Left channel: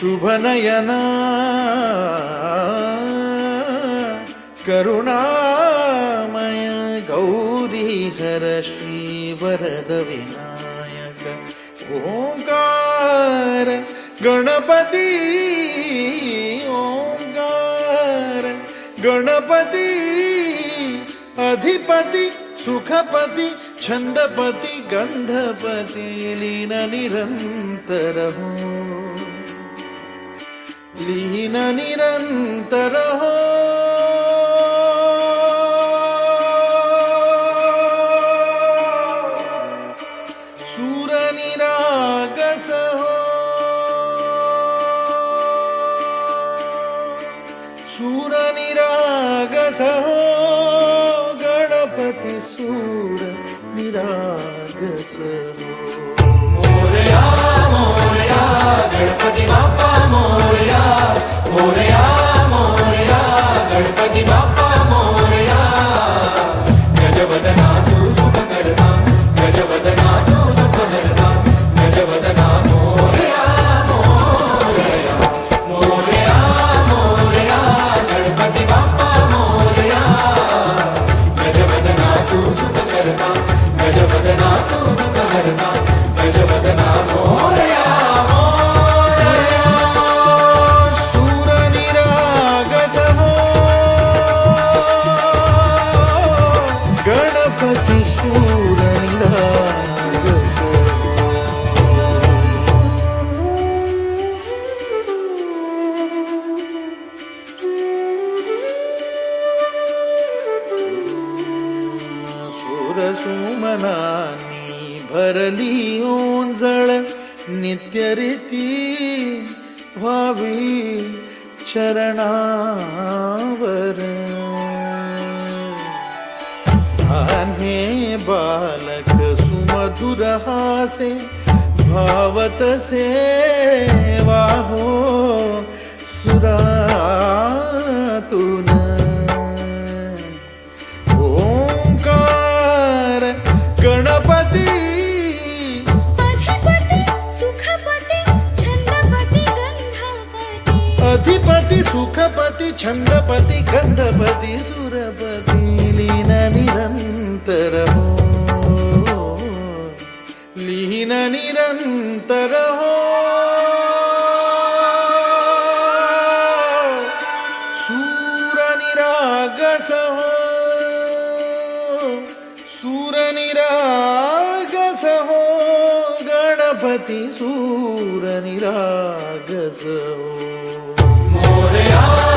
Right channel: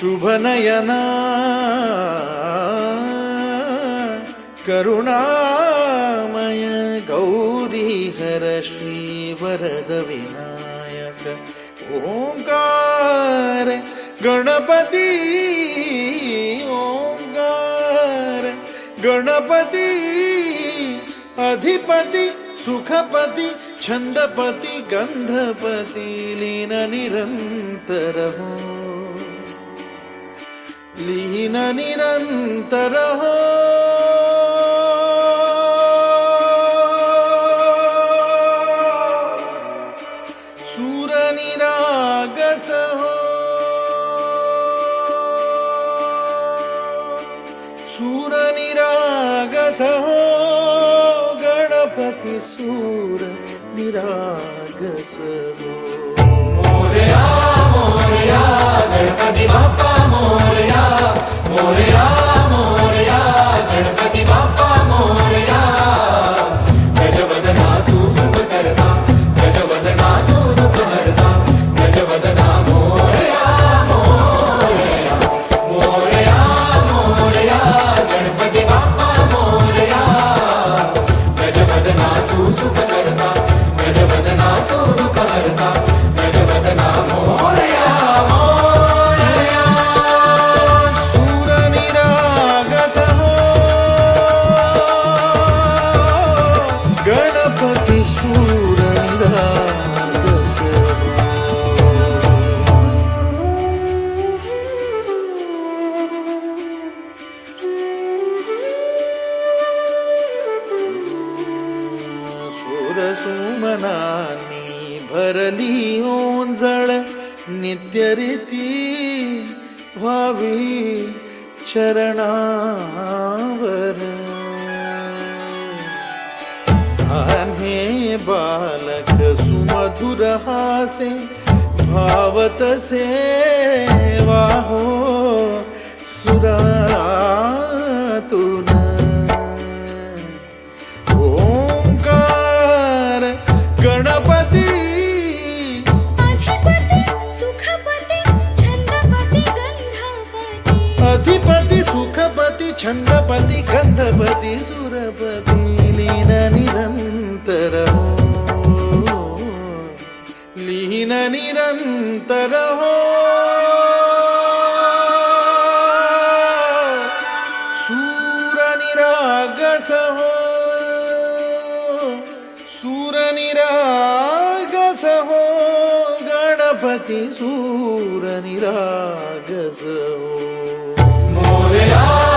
शुभनयना। करुणामय गौरीहर श्रीवरदविनायक। ओङ्कार गणपती ओङ्कार गणपति, अधिपति, सुखपति छन्दपति गन्धपति लीन निरन्तर हो। लीन निरन्तर सुरनिरागस सुरनिरागस गणपति सूर निरागस गणपती बाप्पा मोरया. गजवदना तू सुख करता. गजवदना तू दुःख हरता गजवदना मोरया मोरया. मोरया मोरया. गणपती बाप्पा मोरया. गजवदना तू सुख करता. गजवदना तू दुःख हरता गजवदना मोरया. सुरसुमनानी भरली ओंजळ नित्यरीती व्हावी चरणावर. हे बालक सुमधुर हासे भावत सेवाहो सुरातुन गणपती। अधिपति सुखपति छन्दपति गन्धपति। अधिपति सुखपति छन्दपति गन्धपति सुरपति लीन निरन्तर हो। लीन निरन्तर गणपति सूर निरागस हो मोरया